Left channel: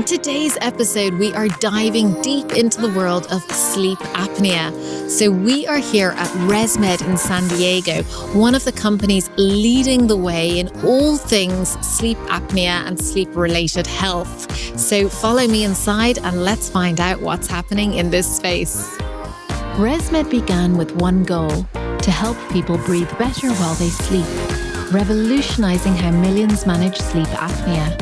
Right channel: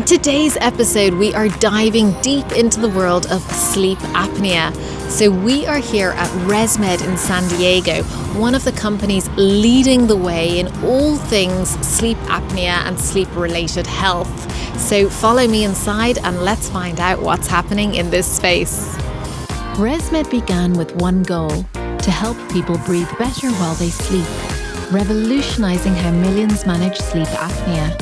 On today's episode, we are diving deep into the world of sleep apnea. So we are here at Resmed in San Diego, one of the companies leading the way in all things sleep apnea and sleep-related health. So follow me inside and let's find out what's happening in this space. Resmed began with one goal: to help people breathe better while they sleep, revolutionizing how millions manage sleep apnea.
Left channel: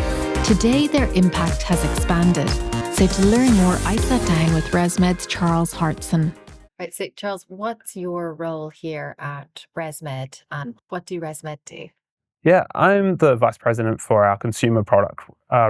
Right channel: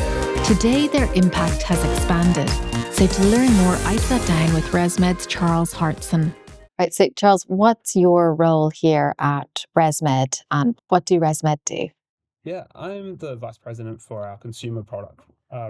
Today, their impact has expanded. So to learn more, I sat down with Resmed's Charles Hartson. Right, so Charles, what's your role here at Resmed and what do Resmed do? Yeah, I'm the vice president for our consumer product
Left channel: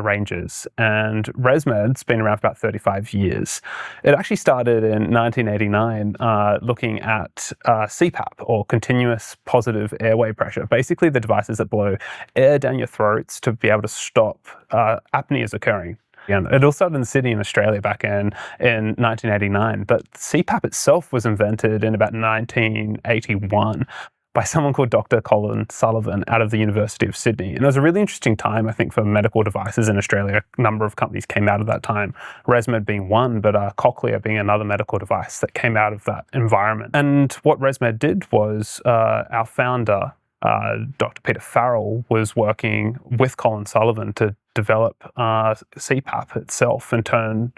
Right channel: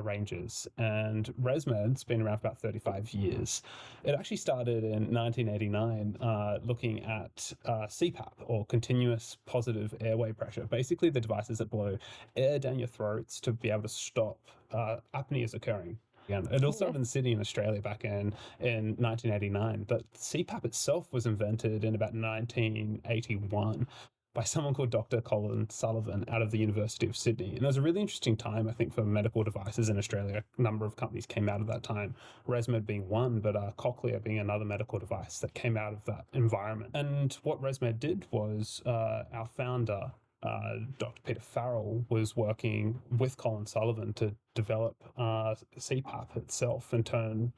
ranges, and Resmed's been around for about 35 years. It actually started in 1989 looking at CPAP, or continuous positive airway pressure, basically the devices that blow air down your throats to be able to stop apneas occurring. It all started in Sydney in Australia back in 1989, but CPAP itself was invented in about 1981 by someone called Dr. Colin Sullivan out of the University of Sydney. And it was a really interesting time, I think, for medical devices in Australia. A number of companies came out of that time, Resmed being one, but Cochlear being another medical device that came out of that environment. And what Resmed did was our founder, Dr. Peter Farrell, was working with Colin Sullivan to develop CPAP itself and turn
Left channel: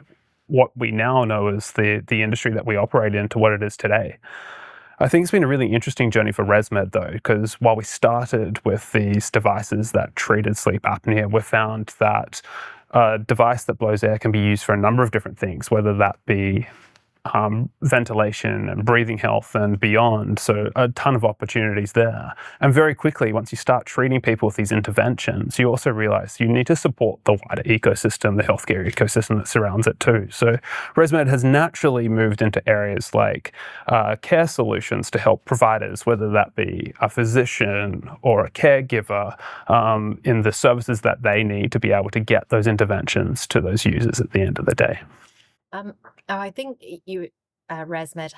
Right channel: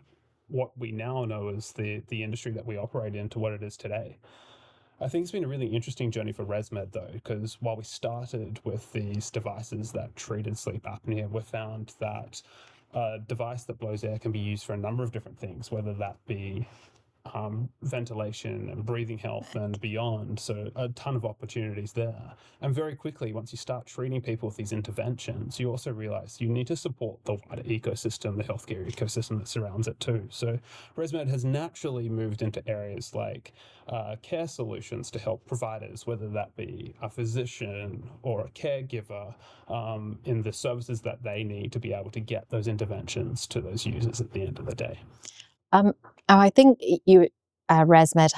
what we now know as the industry that we operate in to what it is today. I think it's been a really interesting journey for Resmed, though, because while we started with these devices that treated sleep apnea, we found that a device that blows air can be used for a number of different things, whether that be ventilation and breathing health and beyond. So a ton of opportunities there. And very quickly, once you start treating people with these interventions, you also realize you need to support the wider ecosystem, the healthcare ecosystem that surrounds it too. So Resmed has naturally moved into areas like care solutions to help providers, whether that be a physician or a caregiver, in the services that they need to be able to get those interventions to those users at the end of the day. I think you, Resmed,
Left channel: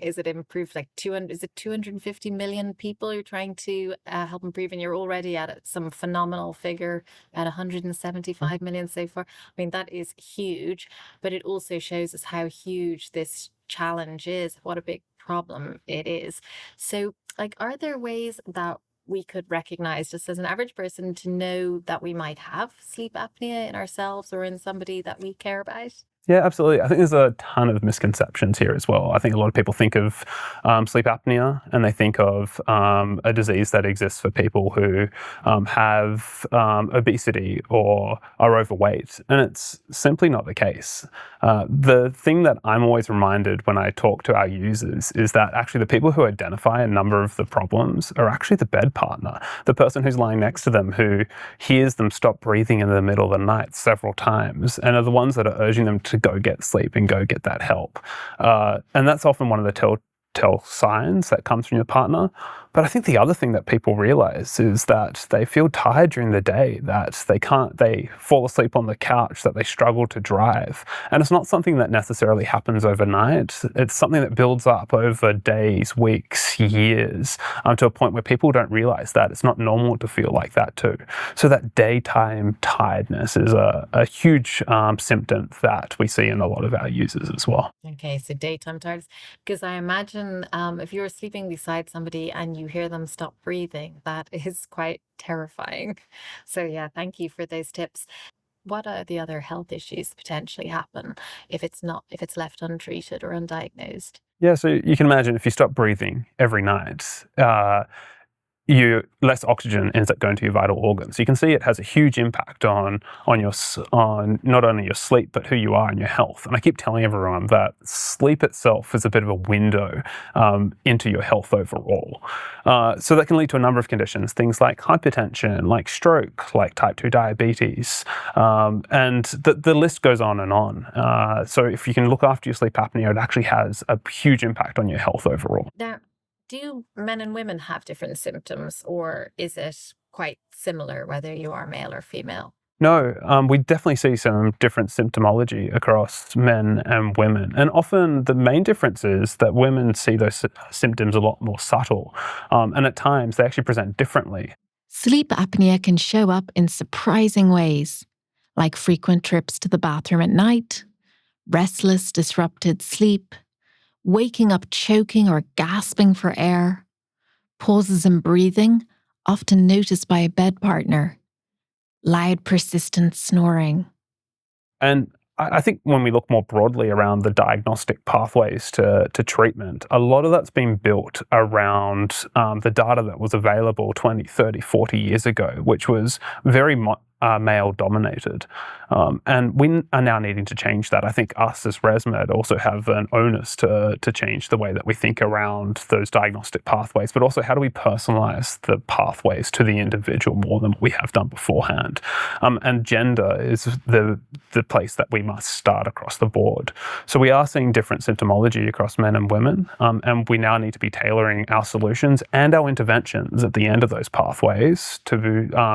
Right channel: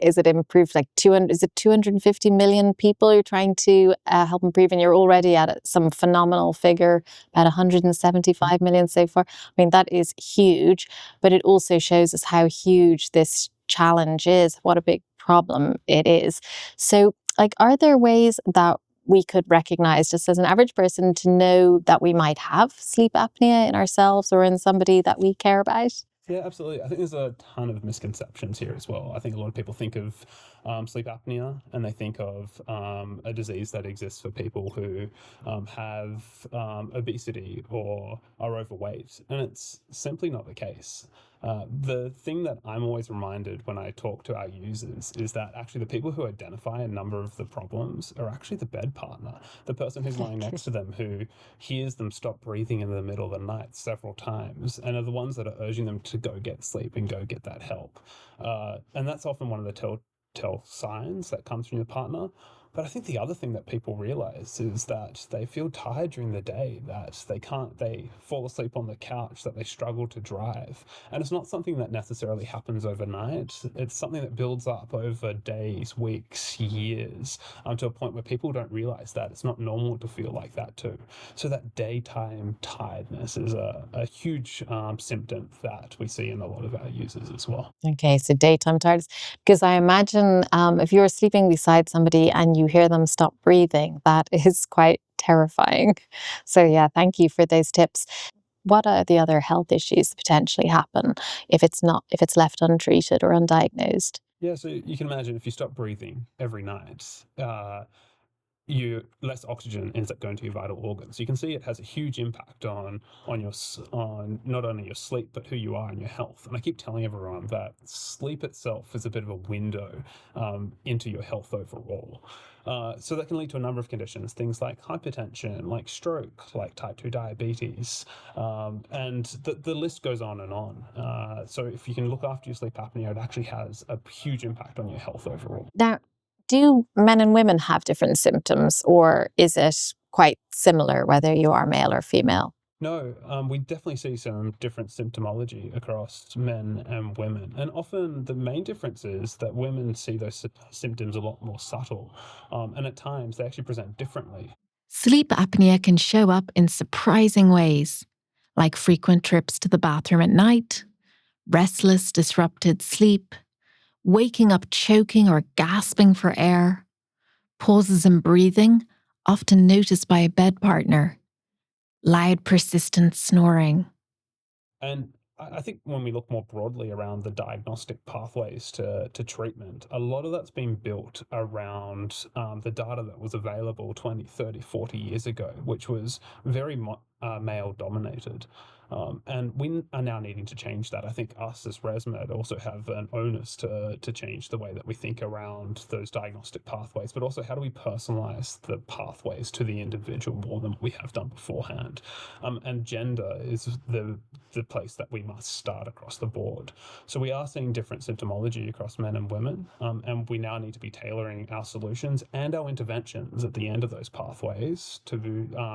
is it improve like 250 million people you're trying to help improve, and you're already at some phenomenal figure, about 175 million so far. I mean, that is huge, but it also shows us how huge this challenge is, what a big problem it is. So, like, are there ways that we could recognize, just as an average person, to know that we might have sleep apnea in ourselves or in somebody that we care about? Yeah, absolutely. I think there's a ton of misconceptions here as well. I think a lot of people think of sleep apnea and they think of a disease that exists for people who have obesity or are overweight, and it's simply not the case. The thing that I'm always reminded when I talk to our users is that actually the people who identify a number of the problems are actually the bed partner, the person who's lying next to them who hears them stop breathing in the middle of the night several times and are the ones that are urging them to go get sleep and go get that help. And that's often one of the telltale signs that comes from your partner. But I think the other thing that people realize is that they feel tired during the day, that they fall asleep on the couch, that they struggle to drive. And it's not something that necessarily happens overnight. It's something that builds up over days, weeks, years, to a point where people don't realize that it's not normal to feel like that too. So that daytime tiredness is a huge symptom that we see in a lot of our users as well. Okay, so daytime tiredness, because I imagine if you're sleeping beside somebody and you hear them stop breathing, that is quite terrifying. So yeah, thank you for those tips. What are the other health issues that potentially happen if it's left untreated or undiagnosed? Yeah, so you can imagine if you stop breathing every night, less oxygen ends up going to your vital organs. You can see it has a huge impact on not only your sleep, but who you are and your health. And I keep telling everyone that sleep itself is a bit of a window into your health overall. So that can lead to a number of conditions, things like hypertension, like stroke, like type 2 diabetes, and the list goes on and on. So if you can look after your sleep apnea, it actually has a huge impact on your health overall. Now, do men and women have different symptoms, or is it quite similar whether you are male or female? No, we definitely see some different symptomology across men and women. And often the main difference is that women see those symptoms a lot more subtle. And at times they actually present differently. Sleep apnea can show up in surprising ways. like frequent trips to the bathroom at night, restless, disrupted sleep, waking up choking or gasping for air, pauses in breathing, often noticed by a bed partner, loud, persistent snoring. And I think when we look more broadly around the diagnostic pathways to treatment, a lot of that's been built around the data that was available 20, 30, 40 years ago, which was very male dominated. And we are now needing to change that. I think us as Resmed also have an onus to change the way that we think around those diagnostic pathways, but also how do we personalize the pathways to the individual more than we have done beforehand. And gender is the place that we must start across the board. So we are seeing different symptomology across men and women, and we now need to be tailoring our solutions and our interventions at the end of those pathways to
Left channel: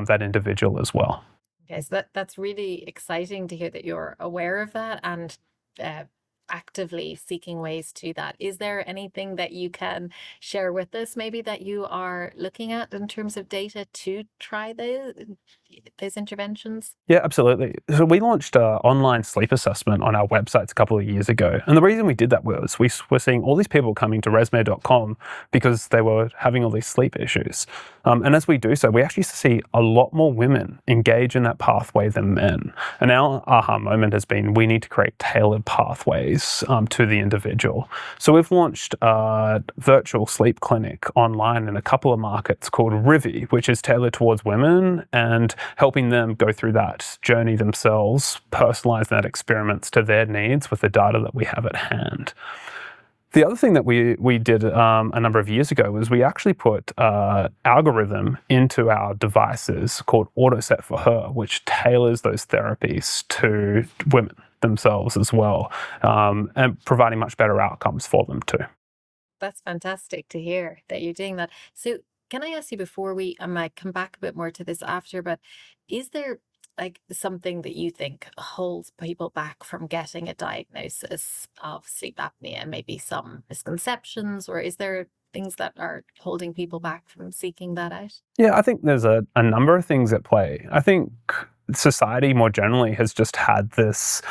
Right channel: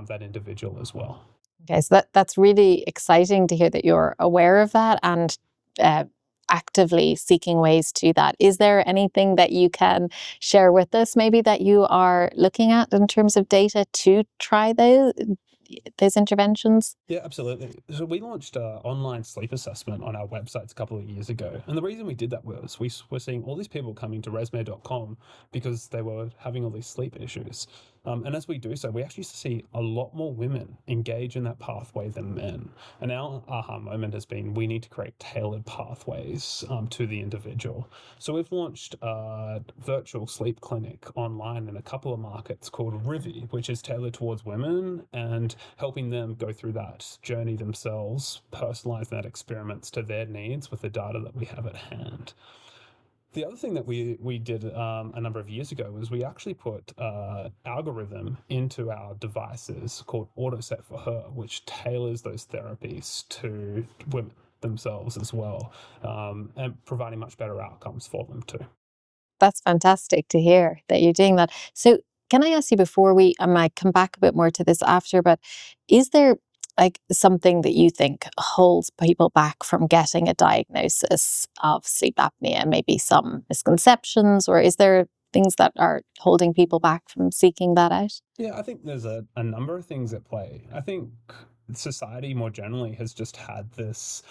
that individual as well. Okay, so that's really exciting to hear that you're aware of that and uh, actively seeking ways to that. Is there anything that you can share with us, maybe that you are looking at in terms of data to try those interventions? Yeah, absolutely. So we launched an online sleep assessment on our websites a couple of years ago. And the reason we did that was we were seeing all these people coming to resmed.com because they were having all these sleep issues. And as we do so, we actually see a lot more women engage in that pathway than men. And our aha moment has been we need to create tailored pathways to the individual. So we've launched a virtual sleep clinic online in a couple of markets called Rivi, which is tailored towards women and helping them go through that journey themselves, personalize that experiments to their needs with the data that we have at hand. The other thing that we did a number of years ago was we actually put an algorithm into our devices called AutoSet for her, which tailors those therapies to women themselves as well, and providing much better outcomes for them too. That's fantastic to hear that you're doing that. So, can I ask you before I might come back a bit more to this after, but is there like something that you think holds people back from getting a diagnosis of sleep apnea? Maybe some misconceptions, or is there things that are holding people back from seeking that out? Yeah, I think there's a number of things at play. I think society more generally has just had this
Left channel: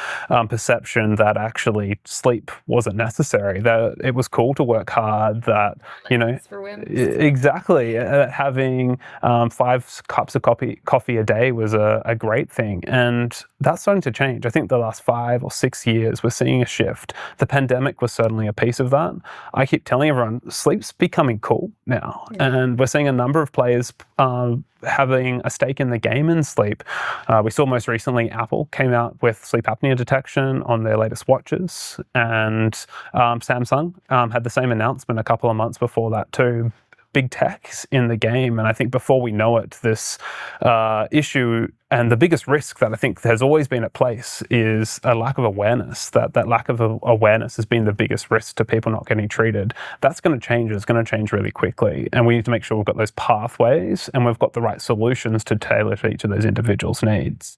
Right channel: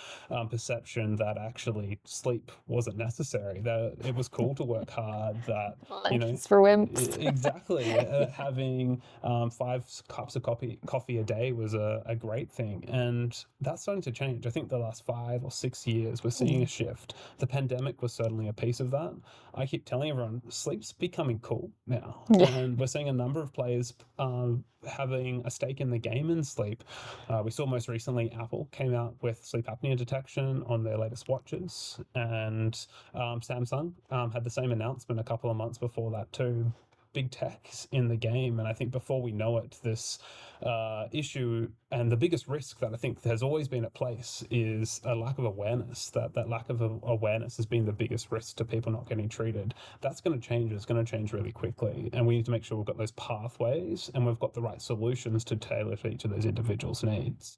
perception that actually sleep wasn't necessary, that it was cool to work hard, that, you know, It's for wimps. exactly, having 5 cups of coffee a day was a great thing. And that's starting to change. I think the last 5 or 6 years, we're seeing a shift. The pandemic was certainly a piece of that. I keep telling everyone, sleep's becoming cool now. Yeah. And we're seeing a number of players having a stake in the game in sleep. We saw most recently Apple came out with sleep apnea detection on their latest watches, and Samsung had the same announcement a couple of months before that too. Big tech's in the game, and I think before we know it, this issue and the biggest risk that I think has always been at place is a lack of awareness. That lack of awareness has been the biggest risk to people not getting treated. That's going to change. It's going to change really quickly, and we need to make sure we've got those pathways and we've got the right solutions to tailor to each of those individuals' needs.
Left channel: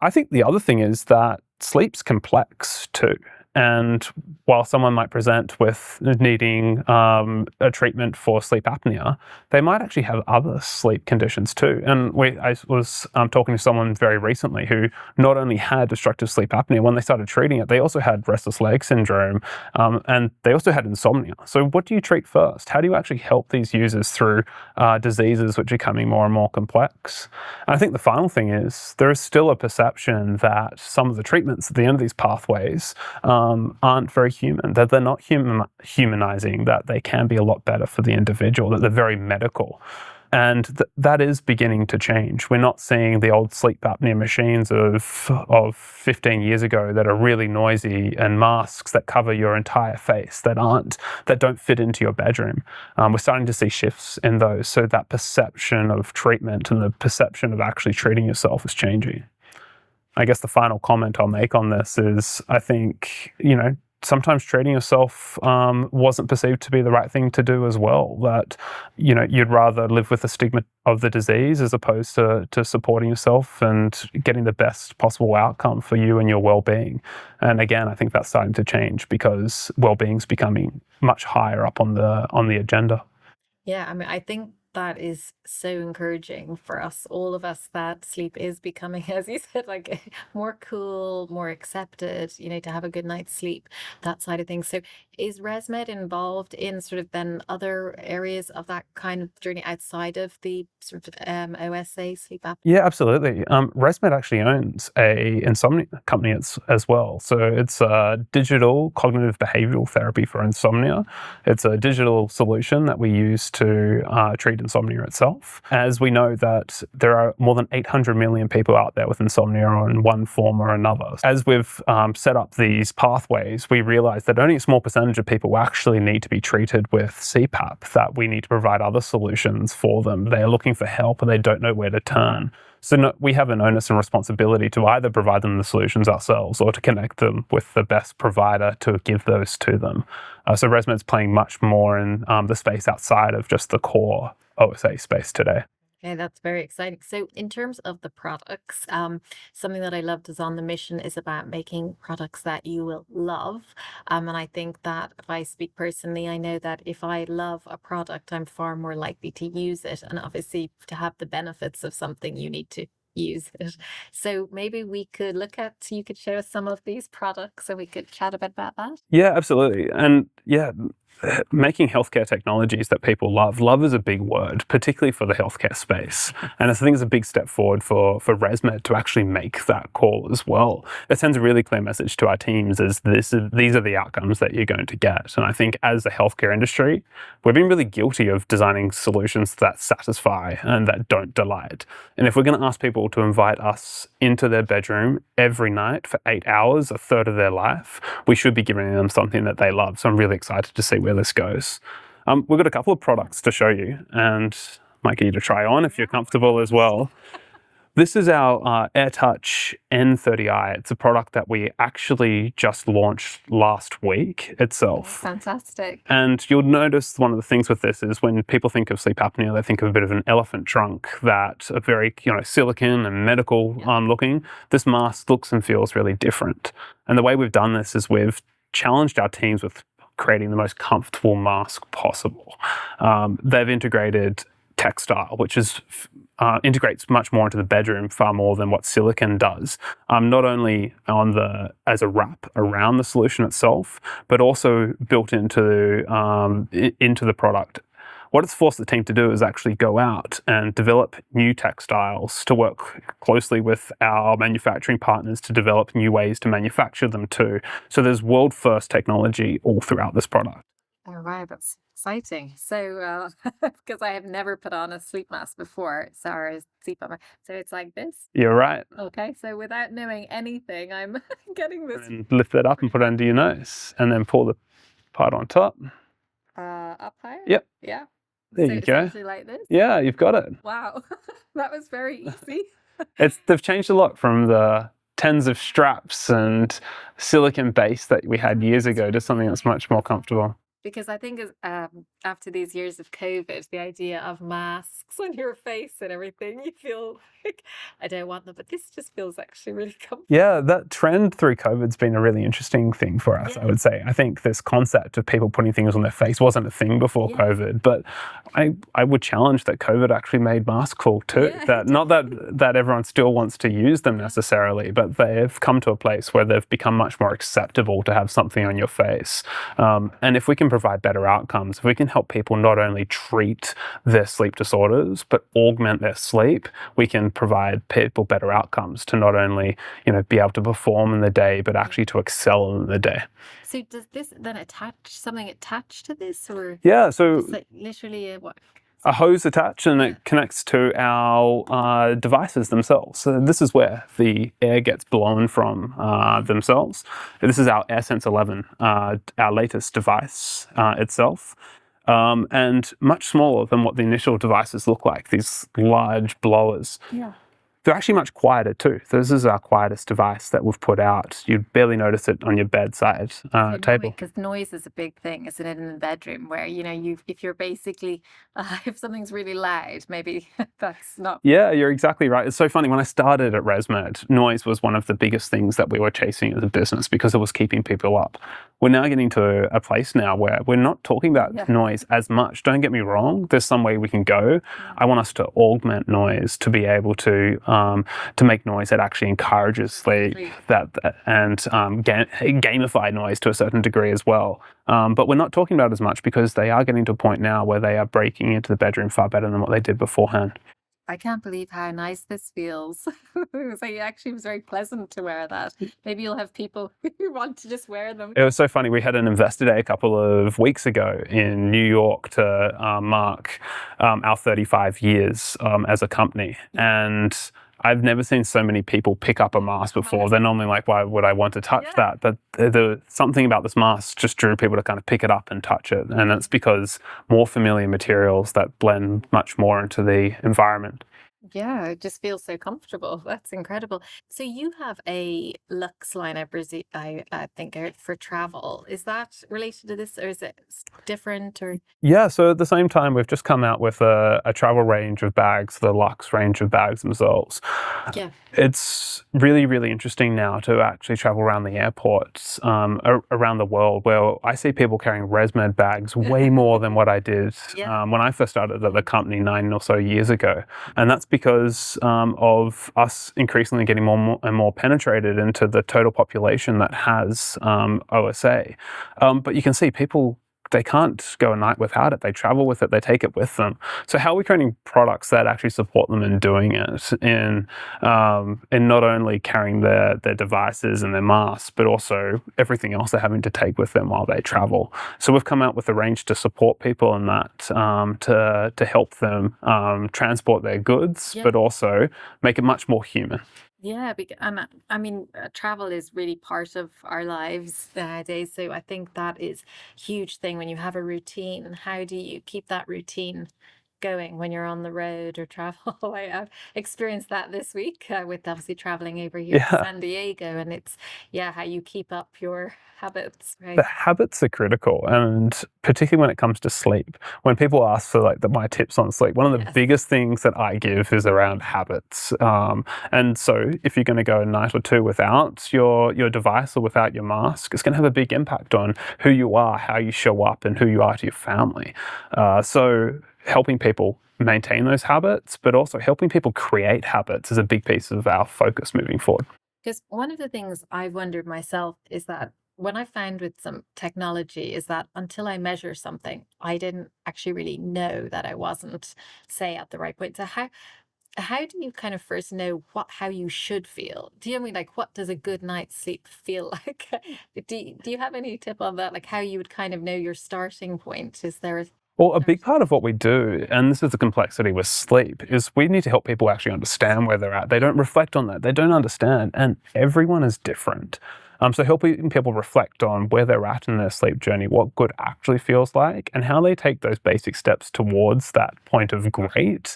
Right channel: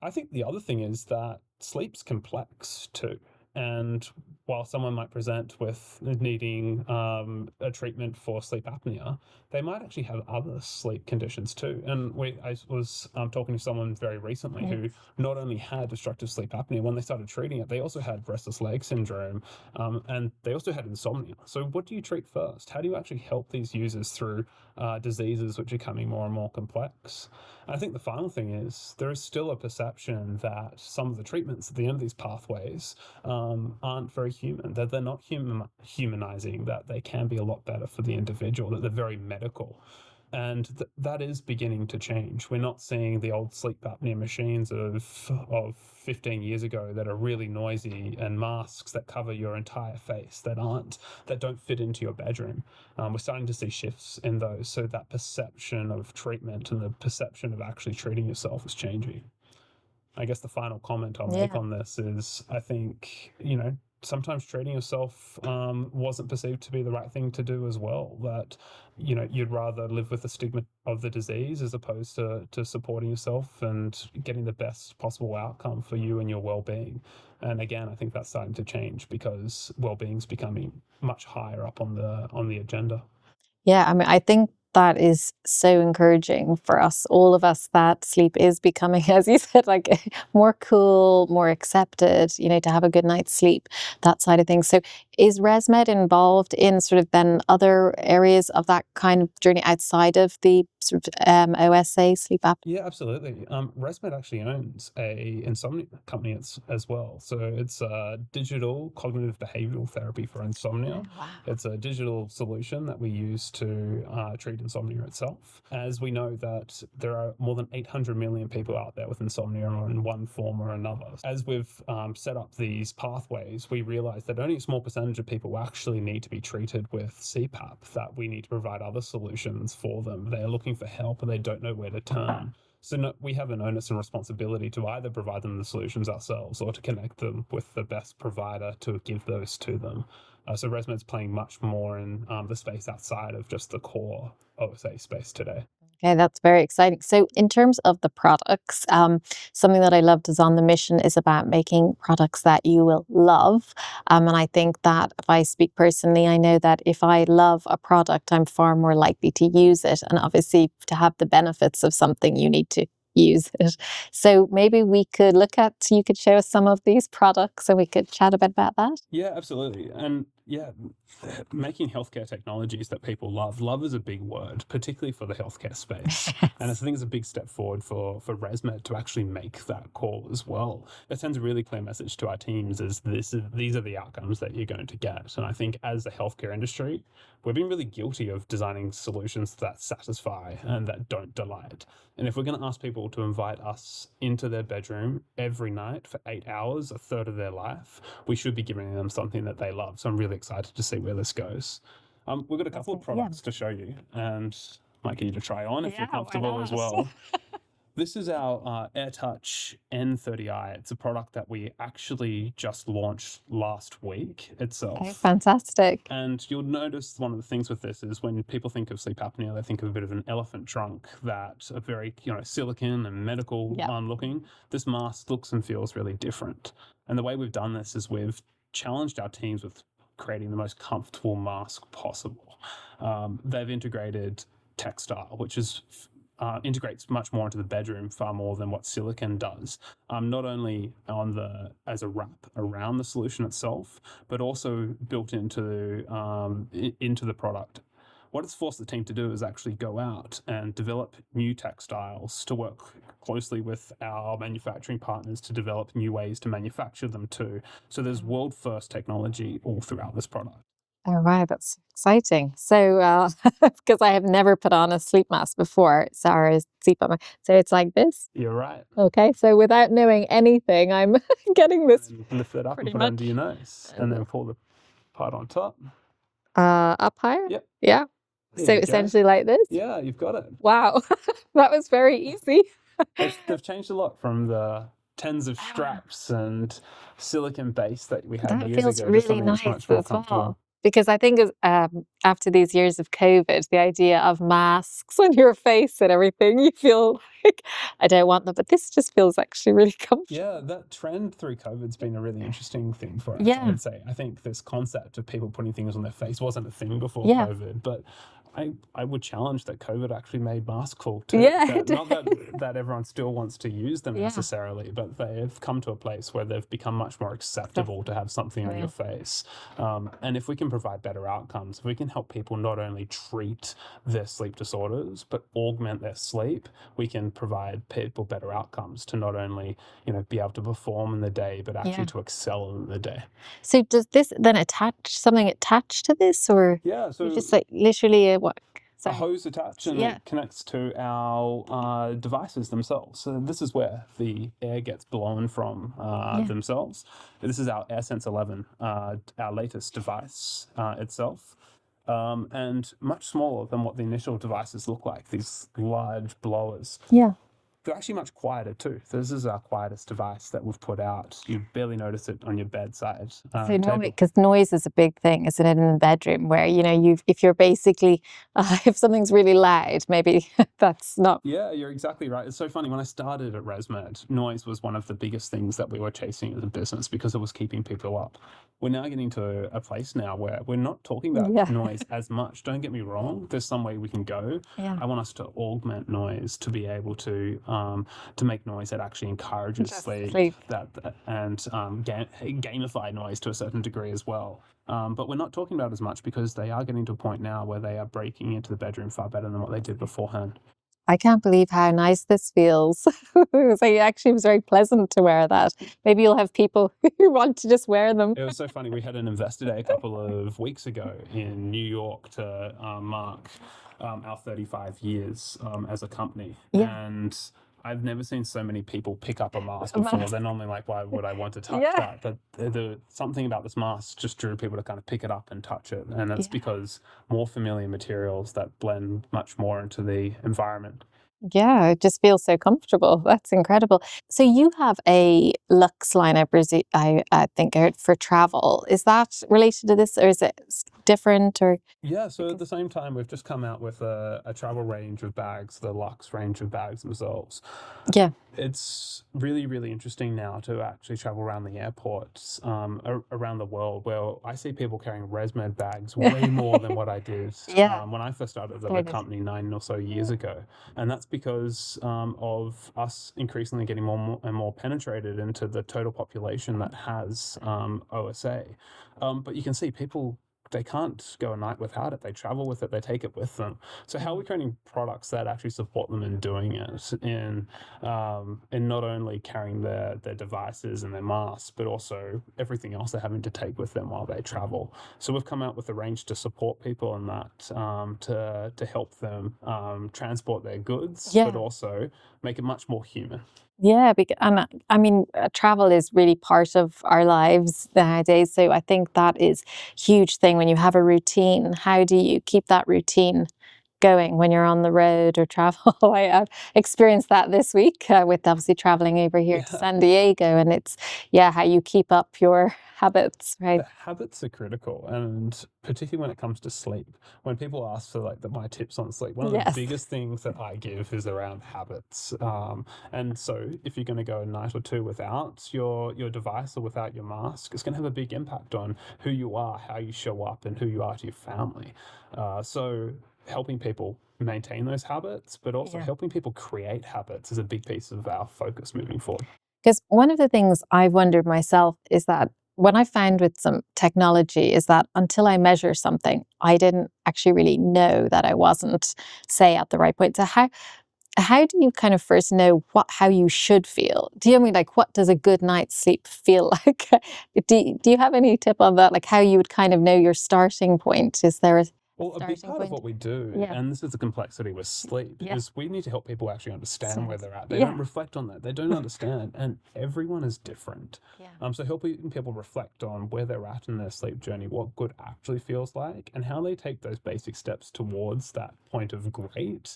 I think the other thing is that sleep's complex too. And while someone might present with needing a treatment for sleep apnea, they might actually have other sleep conditions too. And I was talking to someone very recently who not only had obstructive sleep apnea, when they started treating it, they also had restless leg syndrome, and they also had insomnia. So what do you treat first? How do you actually help these users through diseases which are becoming more and more complex? And I think the final thing is there is still a perception that some of the treatments at the end of these pathways aren't very human, that they're not humanizing, that they can be a lot better for the individual, that they're very medical. And that is beginning to change. We're not seeing the old sleep apnea machines of 15 years ago that are really noisy and masks that cover your entire face that don't fit into your bedroom. We're starting to see shifts in those. So that perception of treatment and the perception of actually treating yourself is changing. I guess the final comment I'll make on this is I think, sometimes treating yourself wasn't perceived to be the right thing to do as well. That, you'd rather live with the stigma of the disease as opposed to supporting yourself and getting the best possible outcome for you and your well-being. And again, I think that's starting to change because well-being's becoming much higher up on the agenda. Yeah, I mean, I think that is so encouraging for us, all of us, that sleep is becoming, as you said, like more cool, more accepted, you know, to have a good night's sleep, that side of things. So is Resmed involved in sort of then other areas of that kind of journey outside of the sort of OSA sleep apnea? Yeah, absolutely. Resmed actually owns a insomnia company as well. So it's a digital cognitive behavioral therapy for insomnia. It's a digital solution that we use to treat insomnia itself. As we know that there are more than 800 million people out there with insomnia in one form or another. As we've set up these pathways, we realize that only a small percentage of people actually need to be treated with CPAP, that we need to provide other solutions for them. They're looking for help and they don't know where to turn. So we have an onus and responsibility to either provide them the solutions ourselves or to connect them with the best provider to give those to them. So Resmed's playing much more in the space outside of just the core OSA space today. Okay, that's very exciting. So in terms of the products, something that I loved is on the mission is about making products that you will love. And I think that if I speak personally, I know that if I love a product, I'm far more likely to use it. And obviously to have the benefits of something, you need to use it. So maybe we could you could show us some of these products and we could chat a bit about that. Yeah, absolutely. And yeah, making healthcare technologies that people love. Love is a big word, particularly for the healthcare space. And I think it's a big step forward for Resmed to actually make that call as well. It sends a really clear message to our teams as these are the outcomes that you're going to get. And I think as the healthcare industry, we've been really guilty of designing solutions that satisfy and that don't delight. And if we're going to ask people to invite us into their bedroom every night for 8 hours, a third of their life, we should be giving them something that they love. So I'm really excited to see where this goes. We've got a couple of products to show you and might get you to try on if you're comfortable as well. This is our AirTouch N30i. It's a product that we actually just launched last week itself. Okay, fantastic. And you'll notice one of the things with this is when people think of sleep apnea, they think of a bit of an elephant trunk that are very, silicon and medical looking. This mask looks and feels really different. And the way we've done this is we've challenged our teams with creating the most comfortable mask possible. They've integrated textile, which integrates much more into the bedroom, far more than what silicon does. Not only as a wrap around the solution itself, but also built into the product. What it's forced the team to do is actually go out and develop new textiles, to work closely with our manufacturing partners to develop new ways to manufacture them too. So there's world-first technology all throughout this product. All right, that's exciting. So, because I have never put on a sleep mask before, sorry, CPAP. So it's like this. You're right. Okay, so without knowing anything, I'm getting this. And lift that up and put it under your nose, and then pull the part on top. Up higher? Yep. Yeah. There So you go. essentially like this? Yeah, you've got it. Wow, that was very easy. They've changed a lot from the tens of straps and silicon base that we had That years feels ago to really something that's nice much more as well. comfortable. Because I think after these years of COVID, the idea of masks on your face and everything, you feel like, I don't want them, but this just feels actually really comfortable. Yeah, that trend through COVID's been a really interesting thing for us, I would say. I think this concept of people putting things on their face wasn't a thing before COVID, but I would challenge that COVID actually made masks cool too. Not that everyone still wants to use them necessarily, but they've come to a place where they've become much more acceptable to have something on your face. And if we can provide better outcomes, if we can help people not only treat their sleep disorders, but augment their sleep, we can provide people better outcomes to not only, be able to perform in the day, but actually to excel in the day. So does this then something attached to this, or? Yeah, so just like literally what? A hose attached and it connects to our devices themselves. So this is where the air gets blown from themselves. This is our AirSense 11, our latest device itself. And much smaller than what the initial devices look like, these large blowers. Yeah. They're actually much quieter too. This is our quietest device that we've put out. You'd barely notice it on your bedside table. Because noise is a big thing, isn't it, in the bedroom? Where if you're basically if something's really loud, maybe that's not. Yeah, you're exactly right. It's so funny. When I started at Resmed, noise was one of the biggest things that we were chasing as a business because it was keeping people up. We're now getting to a place now where we're not talking about noise as much. Don't get me wrong. There's some way we can go. Yeah. I want us to augment noise to be able to make noise that actually encourages sleep, and gamify noise to a certain degree as well. But we're not talking about it as much because they are getting to a point now where they are breaking into the bedroom far better than what they did beforehand. I can't believe how nice this feels. It actually was very pleasant to wear that. Maybe you'll have people who want to just wear them. It was so funny. We had an investor day a couple of weeks ago in New York to mark our 35 years as a company. Yeah. And I've never seen so many people pick up a mask before. They're normally like, why would I want to touch that? But something about this mask just drew people to kind of pick it up and touch it. And it's because more familiar materials that blend much more into the environment. Yeah, it just feels so comfortable. That's incredible. So you have a luxe line, I presume, I think, for travel. Is that related to this, or is it different? Or yeah, so at the same time, we've just come out with a travel range of bags, the luxe range of bags themselves. Yeah. It's really, really interesting now to actually travel around the airports around the world, where I see people carrying Resmed bags way more than what I did when I first started at the company 9 or so years ago. And that's because of us increasingly getting more and more penetrated into the total population that has OSA. But you can see people, they can't go a night without it. They travel with it. They take it with them. So how are we creating products that actually support them in doing it, in not only carrying their devices and their masks, but also everything else they're having to take with them while they travel? So we've come out with a range to support people in that, to help them transport their goods, but also make it much more human. Yeah, and I mean, travel is really part of our lives nowadays. So I think that is a huge thing when you have a routine. How do you keep that routine going when you're on the road or travel? I've experienced that this week with obviously traveling over here to San Diego, and it's how you keep up your habits, right? The habits are critical, and particularly when it comes to sleep. When people ask for my tips on sleep, one of the biggest things that I give is around habits. And so if you're going to go a night or two without your device or without your mask, it's going to have a big impact on who you are, how you show up, and who you are to your family. So helping people maintain those habits, but also helping people create habits is a big piece of our focus moving forward. Because one of the things I've wondered myself is that what I found with some technology is that until I measure something, I didn't actually really know that I wasn't, say, at the right point. So how do you kind of first know how you should feel? Do you mean what does a good night's sleep feel like? Do you have any tip on that? Like how you would kind of know your starting point? Is there Well, a big part of what we do, and this is the complexity with sleep, is we need to help people actually understand where they're at. They don't reflect on that. They don't understand. And everyone is different. So helping people reflect on where they're at in their sleep journey, what good actually feels like, and how they take those basic steps towards that point of great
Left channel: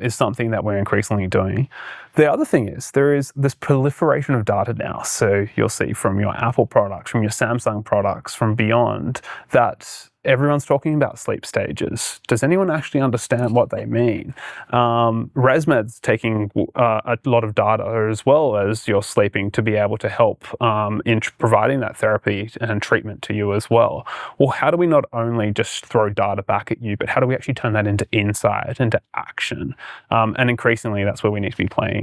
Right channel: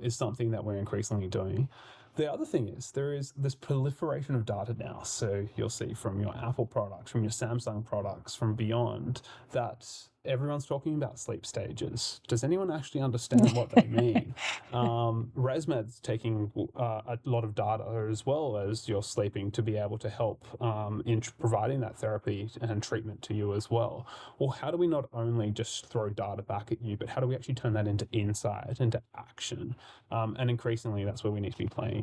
is something that we're increasingly doing. The other thing is there is this proliferation of data now. So you'll see from your Apple products, from your Samsung products, from beyond, that everyone's talking about sleep stages. Does anyone actually understand what they mean? Resmed's taking a lot of data as well as your sleeping to be able to help in providing that therapy and treatment to you as well. Well, how do we not only just throw data back at you, but how do we actually turn that into insight, into action? And increasingly, that's where we need to be playing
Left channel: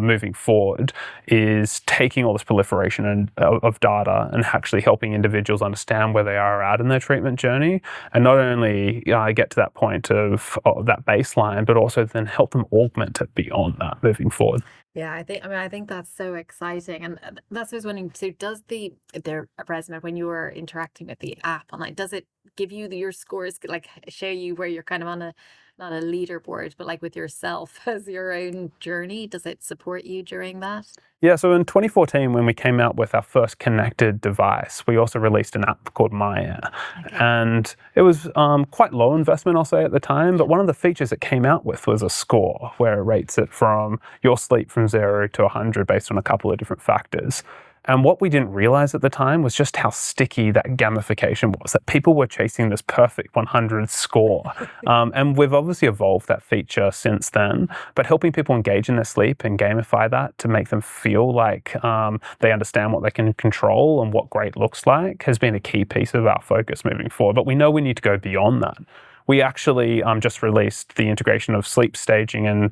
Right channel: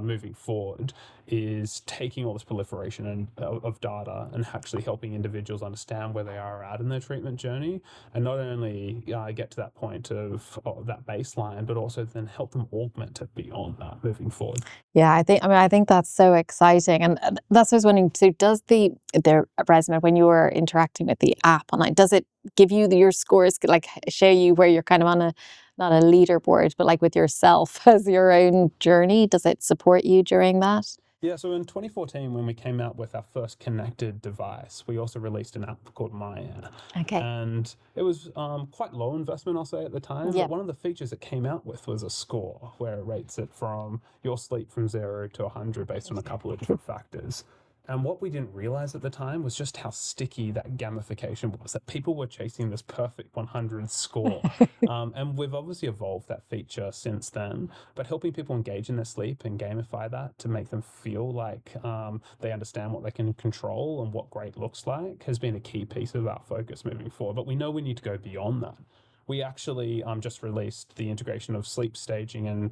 moving forward, is taking all this proliferation of data and actually helping individuals understand where they are at in their treatment journey, and not only get to that point of that baseline, but also then help them augment it beyond that moving forward. Yeah, I think that's so exciting, and that's what I was wondering. So, does the Resmed, when you were interacting with the app online, does it give you your scores, like show you where you're kind of on not a leaderboard, but like with yourself as your own journey? Does it support you during that? Yeah, so in 2014, when we came out with our first connected device, we also released an app called Maya. Okay. And it was quite low investment, I'll say, at the time. Yeah. But one of the features it came out with was a score where it rates it from your sleep from 0 to 100 based on a couple of different factors. And what we didn't realize at the time was just how sticky that gamification was, that people were chasing this perfect 100 score. And we've obviously evolved that feature since then, but helping people engage in their sleep and gamify that to make them feel like they understand what they can control and what great looks like has been a key piece of our focus moving forward. But we know we need to go beyond that. We actually just released the integration of sleep staging and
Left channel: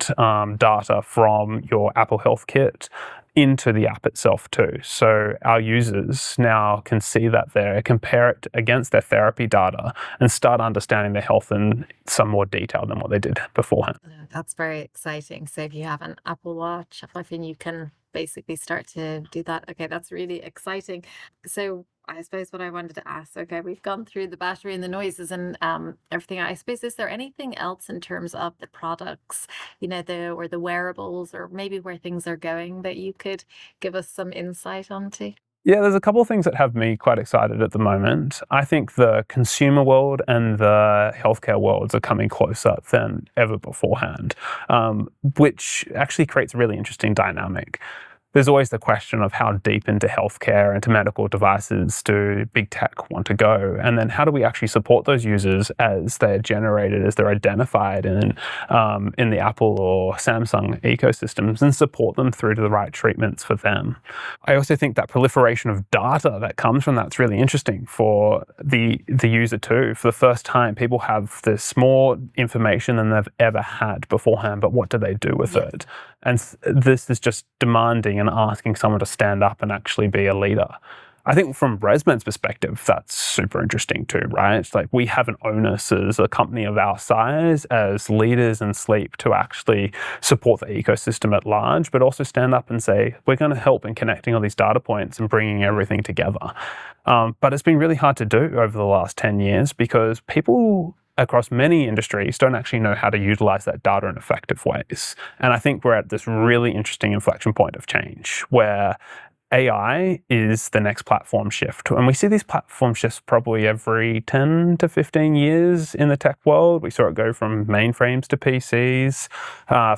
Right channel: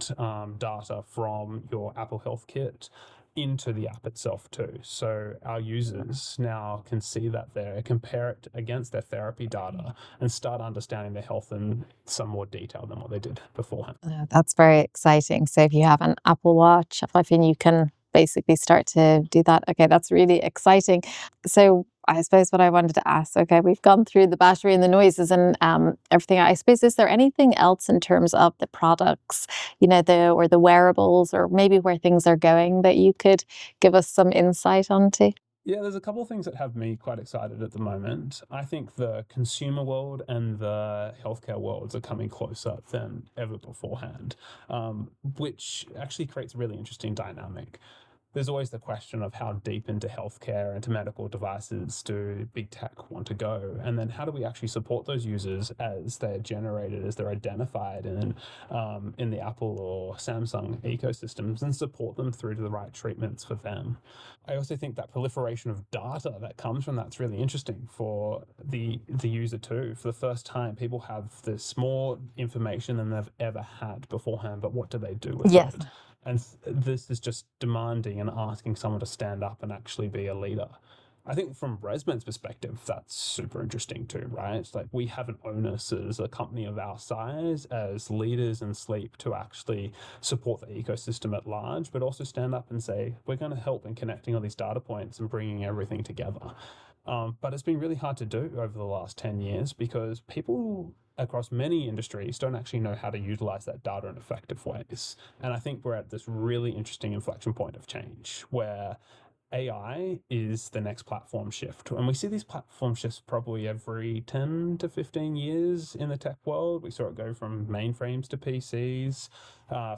data from your Apple Health Kit into the app itself too. So our users now can see that there, compare it against their therapy data and start understanding their health in some more detail than what they did beforehand. That's very exciting. So if you have an Apple Watch, I think you can basically start to do that. Okay, that's really exciting. So I suppose what I wanted to ask, okay, we've gone through the battery and the noises and everything. I suppose, is there anything else in terms of the products, or the wearables, or maybe where things are going that you could give us some insight onto? Yeah, there's a couple of things that have me quite excited at the moment. I think the consumer world and the healthcare worlds are coming closer than ever beforehand, which actually creates a really interesting dynamic. There's always the question of how deep into healthcare and to medical devices do big tech want to go? And then how do we actually support those users as they're generated, as they're identified in the Apple or Samsung ecosystems and support them through to the right treatments for them? I also think that proliferation of data that comes from that's really interesting for the user too. For the first time, people have this more information than they've ever had beforehand, but what do they do with Yes. it? And this is just demanding and asking someone to stand up and actually be a leader. I think from Resmed's perspective, that's super interesting too, right? It's like we have an onus as a company of our size, as leaders in sleep, to actually support the ecosystem at large, but also stand up and say, we're going to help in connecting all these data points and bringing everything together. But it's been really hard to do over the last 10 years because people across many industries don't actually know how to utilize that data in effective ways. And I think we're at this really interesting inflection point of change where AI is the next platform shift. And we see these platform shifts probably every 10 to 15 years in the tech world. We saw it go from mainframes to PCs,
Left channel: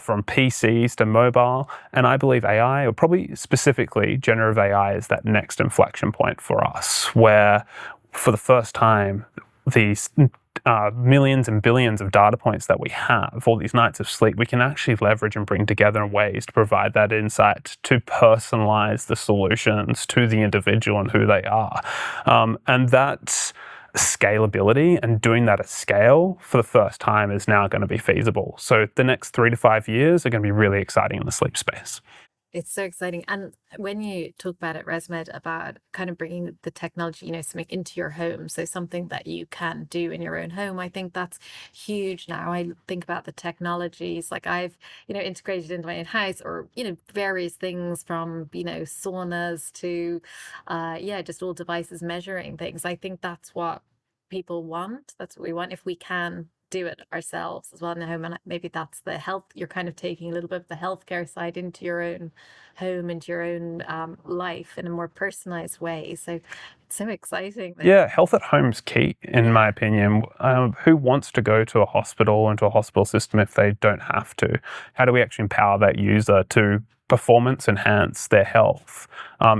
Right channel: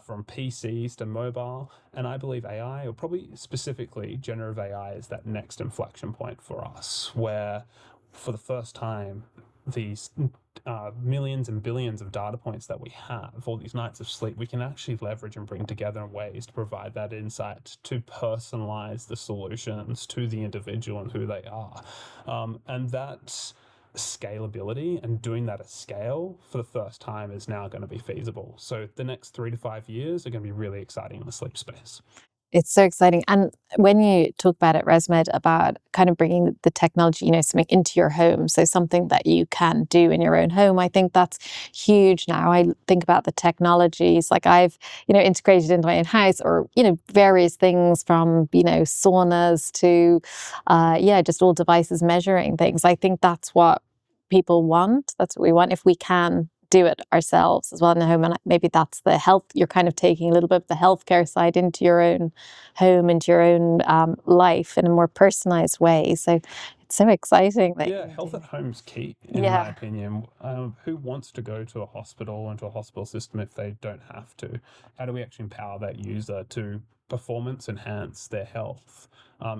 from PCs to mobile. And I believe AI, or probably specifically generative AI, is that next inflection point for us, where for the first time, these millions and billions of data points that we have, all these nights of sleep, we can actually leverage and bring together in ways to provide that insight, to personalize the solutions to the individual and who they are. And that scalability and doing that at scale for the first time is now going to be feasible. So the next 3 to 5 years are going to be really exciting in the sleep space. It's so exciting. And when you talk about it, Resmed, about kind of bringing the technology, something into your home, so something that you can do in your own home, I think that's huge now. I think about the technologies, like I've, integrated into my own house, or, various things from, saunas to, just all devices measuring things. I think that's what people want. That's what we want if we can do it ourselves as well in the home. And maybe that's the health, you're kind of taking a little bit of the healthcare side into your own home, into your own life in a more personalized way. So it's so exciting. Yeah, health at home's key, in my opinion. Who wants to go to a hospital, into a hospital system, if they don't have to? How do we actually empower that user to performance enhance their health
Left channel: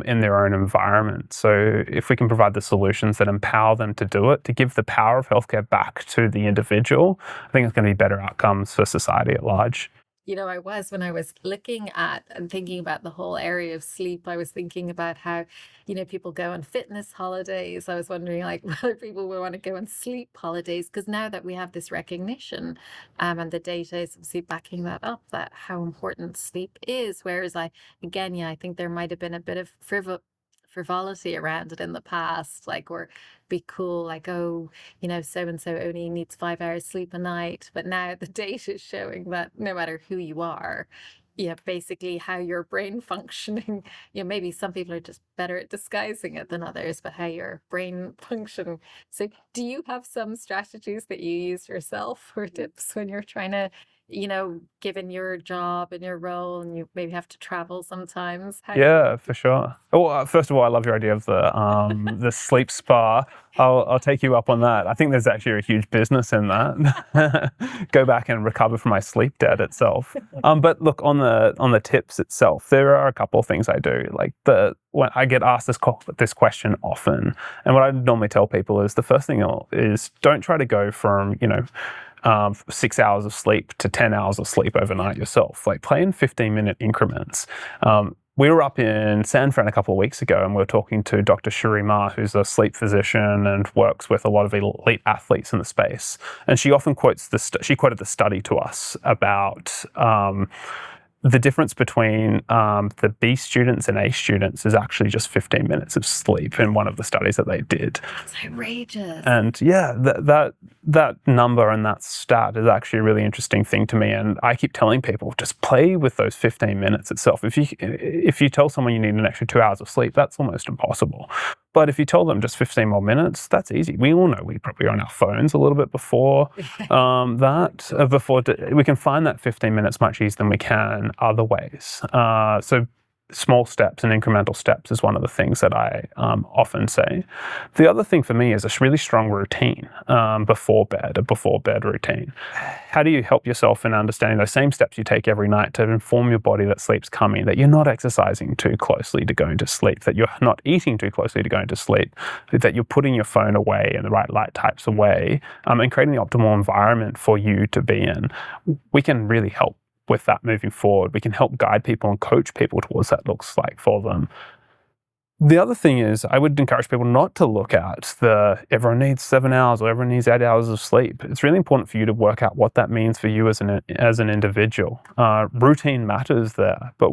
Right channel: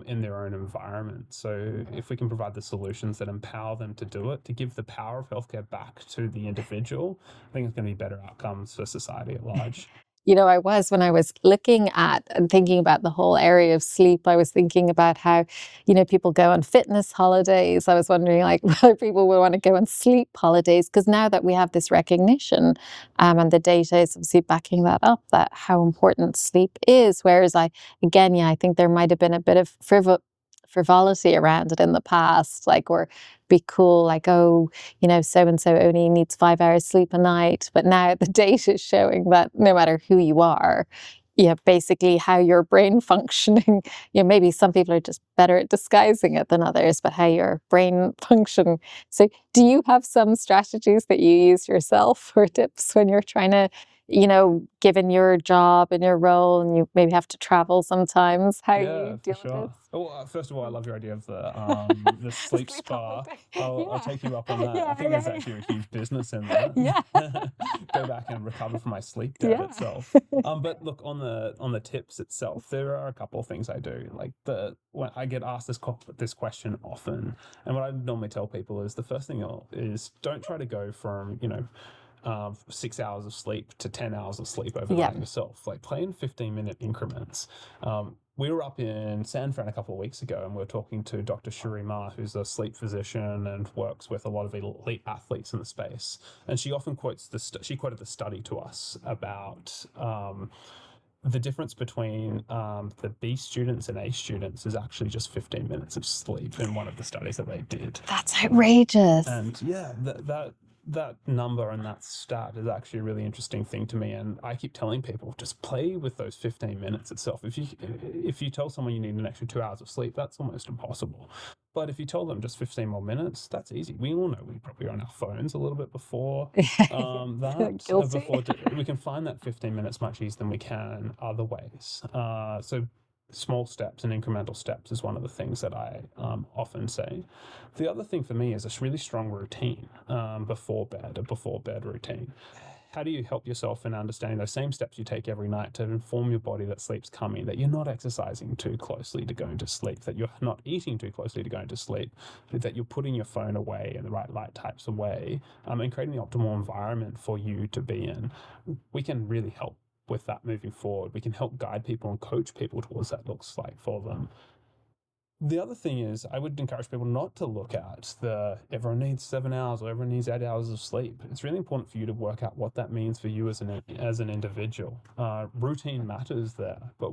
in their own environment? So if we can provide the solutions that empower them to do it, to give the power of healthcare back to the individual, I think it's going to be better outcomes for society at large. When I was looking at and thinking about the whole area of sleep, I was thinking about how, people go on fitness holidays. I was wondering, like, whether people would want to go on sleep holidays, because now that we have this recognition, and the data is obviously backing that up, that how important sleep is. Whereas I think there might have been a bit of frivolity around it in the past, like, or be cool, like, oh, so and so only needs 5 hours sleep a night. But now the data is showing that no matter who you are, yeah, basically how your brain functioning, maybe some people are just better at disguising it than others, but how your brain function. So do you have some strategies that you use yourself or tips when you're trying to, given your job and your role and you maybe have to travel sometimes, how Yeah, you for deal with sure. Well, first of all, I love your idea of the sleep spa. I'll take you up on that. I think there's actually a huge business in that. Go back and recover from my sleep debt itself. But look, on the tips itself, there are a couple of things I do. Like when I get asked this question often, and what I normally tell people is the first thing is don't try to go from 6 hours of sleep to 10 hours of sleep overnight yourself. Like play in 15-minute increments. We were up in San Fran a couple of weeks ago, and we were talking to Dr. Shuri Ma, who's a sleep physician and works with a lot of elite athletes in the space. And she often quoted the study to us about the difference between the B students and A students is actually just 15 minutes of sleep in one of the studies that they did. That's outrageous. And yeah, that number and that stat is actually a really interesting thing to me. And I keep telling people, just play with those 15 minutes itself. If you tell someone you need an extra 2 hours of sleep, that's almost impossible. But if you tell them just 15 more minutes, that's easy. We all know we probably are on our phones a little bit before we can find that 15 minutes much easier than we can other ways. So small steps and incremental steps is one of the things that I often say. The other thing for me is a really strong routine before bed, a before bed routine. How do you help yourself in understanding those same steps you take every night to inform your body that sleep's coming, that you're not exercising too closely to going to sleep, that you're not eating too closely to going to sleep, that you're putting your phone away in the right light types away, and creating the optimal environment for you to be in? We can really help with that moving forward. We can help guide people and coach people towards that looks like for them. The other thing is I would encourage people not to look at everyone needs 7 hours or everyone needs 8 hours of sleep. It's really important for you to work out what that means for you as an individual. Routine matters there, but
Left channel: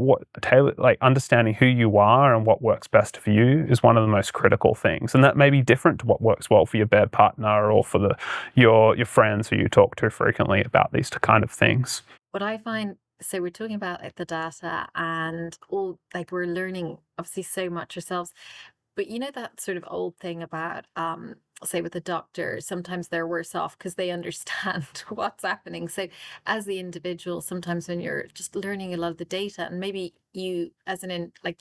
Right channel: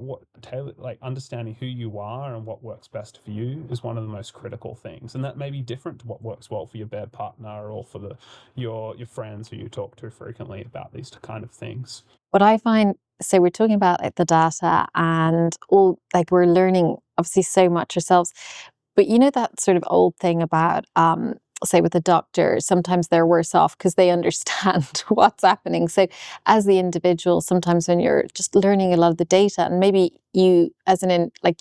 understanding who you are and what works best for you is one of the most critical things. And that may be different to what works well for your bed partner or for your friends who you talk to frequently about these kind of things. What I find, so we're talking about the data and all, we're learning obviously so much ourselves, but that sort of old thing about, say with a doctor, sometimes they're worse off because they understand what's happening. So as the individual, sometimes when you're just learning a lot of the data and maybe you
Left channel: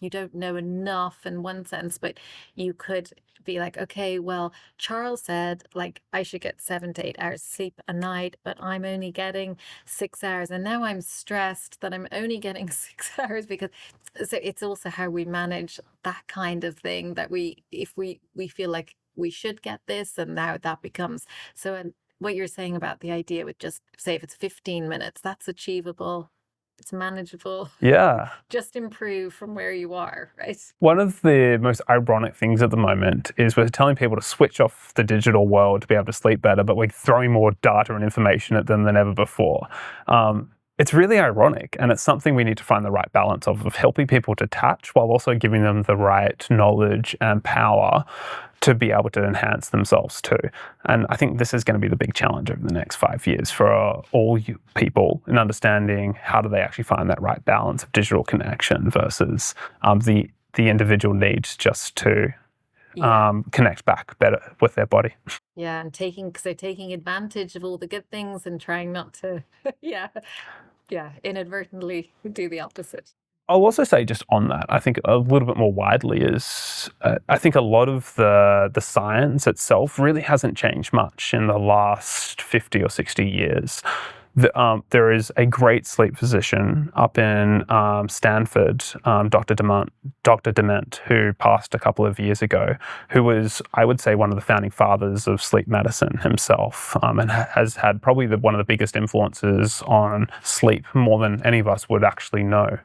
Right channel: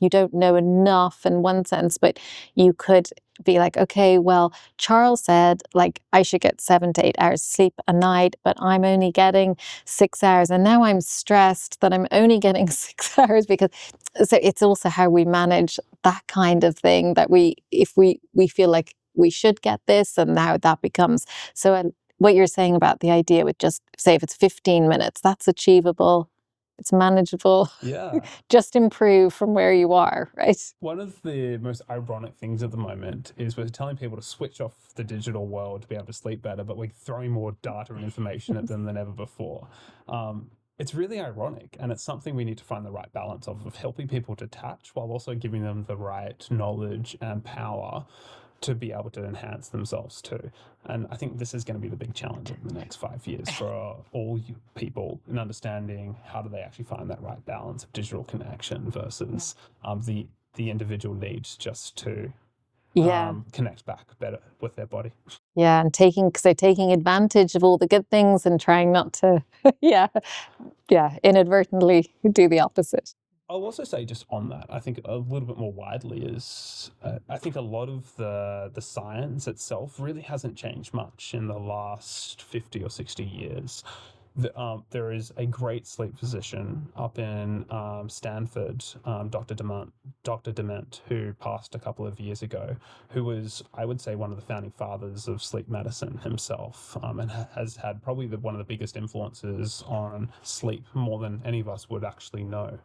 you don't know enough in one sense, but you could be like, okay, well, Charles said I should get 7 to 8 hours sleep a night, but I'm only getting 6 hours. And now I'm stressed that I'm only getting 6 hours so it's also how we manage that kind of thing that if we feel like we should get this and now that becomes so. And what you're saying about the idea with just say if it's 15 minutes, that's achievable. It's manageable. Yeah. Just improve from where you are, right? One of the most ironic things at the moment is we're telling people to switch off the digital world to be able to sleep better, but we're throwing more data and information at them than ever before. It's really ironic, and it's something we need to find the right balance of helping people detach while also giving them the right knowledge and power to be able to enhance themselves too. And I think this is going to be the big challenge over the next 5 years for all you people in understanding how do they actually find that right balance of digital connection versus the individual needs just to connect back better with their body. Yeah, and taking advantage of all the good things and trying not to, inadvertently do the opposite. I'll also say just on that, I think a little bit more widely is I think a lot of the science itself really hasn't changed much in the last 50 or 60 years. There is a great sleep physician up in Stanford, Dr. Dement, who passed a couple of years ago, who was, I would say, one of the founding fathers of sleep medicine himself, and has had probably one of the biggest influences on sleep, more than any of us would actually know.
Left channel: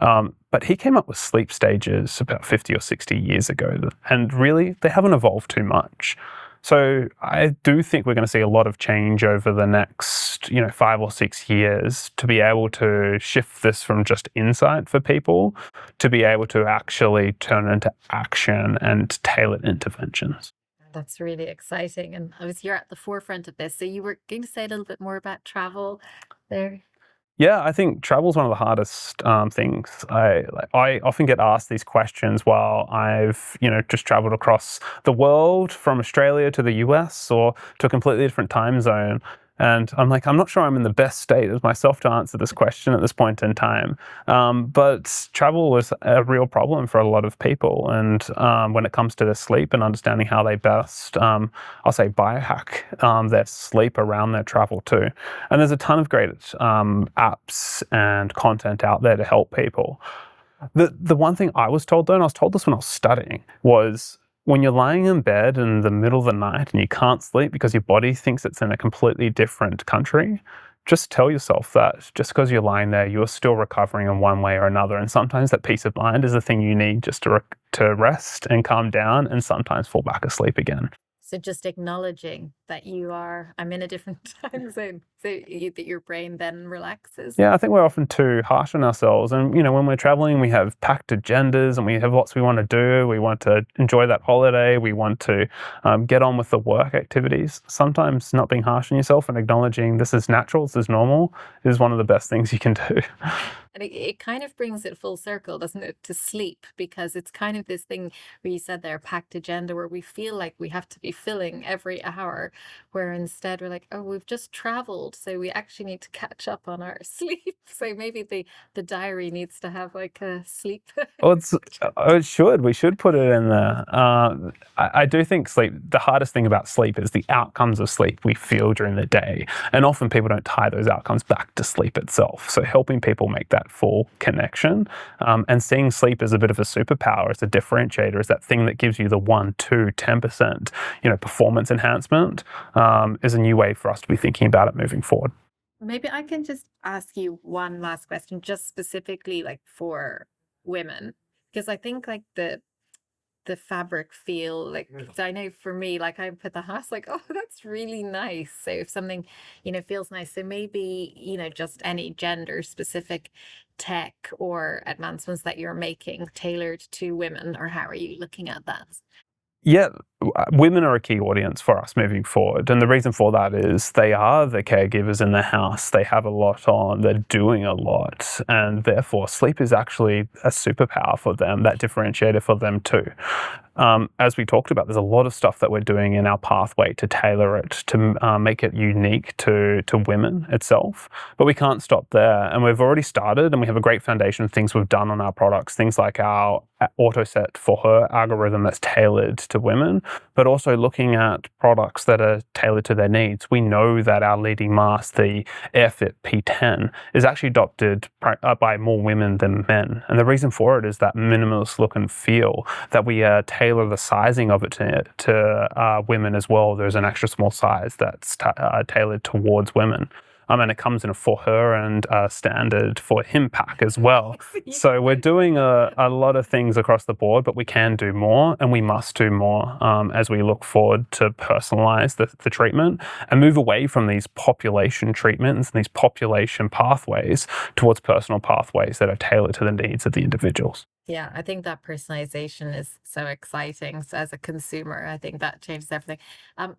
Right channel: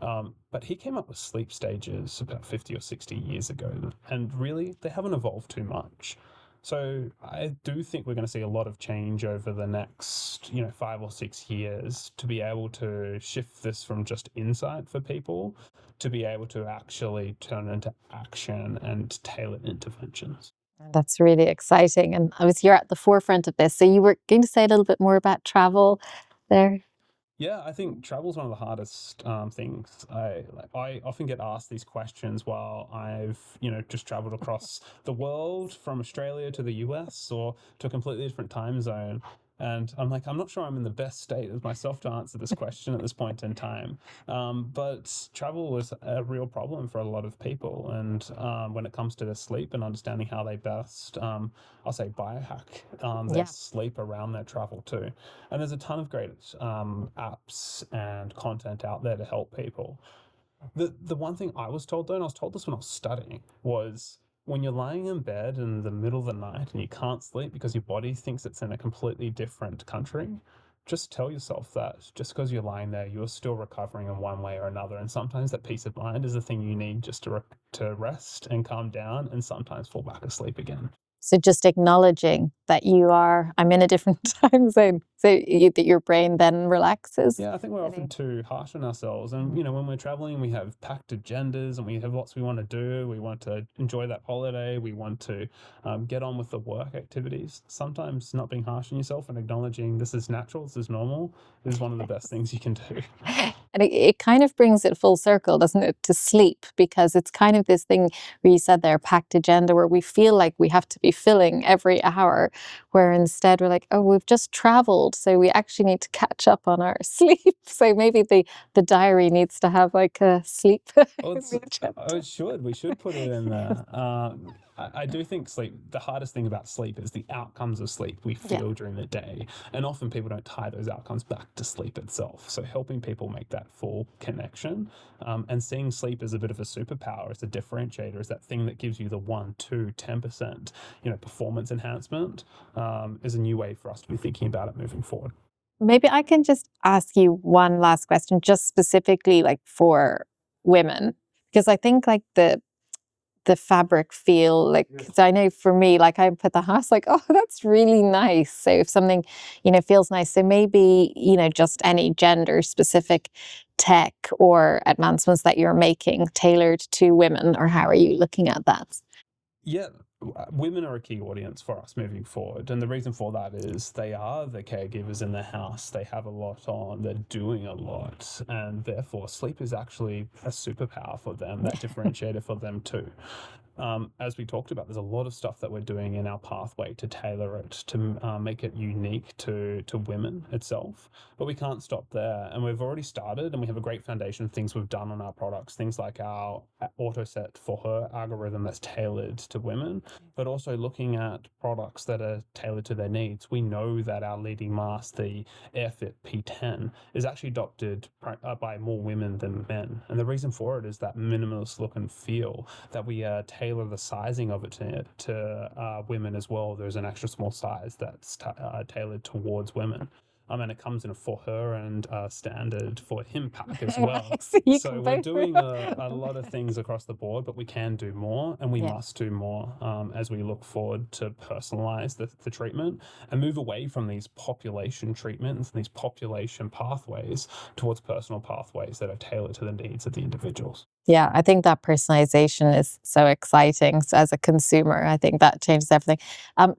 But he came up with sleep stages about 50 or 60 years ago, and really, they haven't evolved too much. So I do think we're going to see a lot of change over the next, 5 or 6 years to be able to shift this from just insight for people to be able to actually turn it into action and tailored interventions. That's really exciting. And obviously you're at the forefront of this. So you were going to say a little bit more about travel there? Yeah, I think travel is one of the hardest things. I often get asked these questions while I've just traveled across the world from Australia to the US or to a completely different time zone. And I'm like, I'm not sure I'm in the best state as myself to answer this question at this point in time. But travel is a real problem for a lot of people. And when it comes to their sleep and understanding how they best, I'll say, biohack their Yeah. sleep around their travel too. And there's a ton of great apps and content out there to help people. The one thing I was told though, and I was told this when I was studying, was when you're lying in bed in the middle of the night and you can't sleep because your body thinks it's in a completely different country, just tell yourself that just because you're lying there, you're still recovering in one way or another. And sometimes that peace of mind is the thing you need just to rest and calm down and sometimes fall back asleep again. So just acknowledging that I'm in a different time zone, so that your brain then relaxes. Yeah, I think we're often too harsh on ourselves. And, when we're traveling, we have packed agendas and we have lots we want to do. We want to enjoy that holiday. We want to get on with the work activities. Sometimes not being harsh on yourself and acknowledging this is natural, this is normal, is one of the best things you can do. And it kind of brings it full circle, doesn't it, to sleep, because it's kind of this thing where you said there, packed agenda, where we feel like we have to be filling every hour, where instead we're like, oh, we've just traveled, so we actually need to catch up on our sleep. So maybe the diary needs to have like a sleep. Well, it should. We should put it in there. I do think sleep, the hardest thing about sleep is the outcomes of sleep we feel during the day. And often people don't tie those outcomes back to sleep itself. So helping people make that full connection and seeing sleep as a bit of a superpower, as a differentiator, as that thing that gives you the 1, 2, 10%, performance enhancement is a new way for us to be thinking about it moving forward. Maybe I can just ask you one last question, just specifically like for women, because I think like the fabric feel, like, 'cause I know for me, like I put the house like, oh, that's really nice. So if something, feels nice, so maybe, just any gender specific tech or advancements that you're making tailored to women, or how are you looking at that? Yeah, women are a key audience for us moving forward. And the reason for that is they are the caregivers in the house. They have a lot on, they're doing a lot. And therefore, sleep is actually a superpower for them, that differentiator for them too. As we talked about, there's a lot of stuff that we're doing in our pathway to tailor it, to make it unique to women itself. But we can't stop there. And we've already started, and we have a great foundation of things we've done on our products, things like our AutoSet for her algorithm that's tailored to women, but also looking at products that are tailored to their needs. We know that our leading mask, the AirFit P10, is actually adopted by more women than men. And the reason for it is that minimalist look and feel, that we tailor the sizing of it to women as well. There's an extra small size that's tailored towards women. And it comes in a for her and standard for him pack as well. So we're doing a lot of things across the board, but we can do more, and we must do more as we look forward to personalize the treatment and move away from these population treatments and these population pathways towards personal pathways that are tailored to the needs of the individuals. Yeah, I think that personalization is so exciting. So as a consumer, I think that changes everything.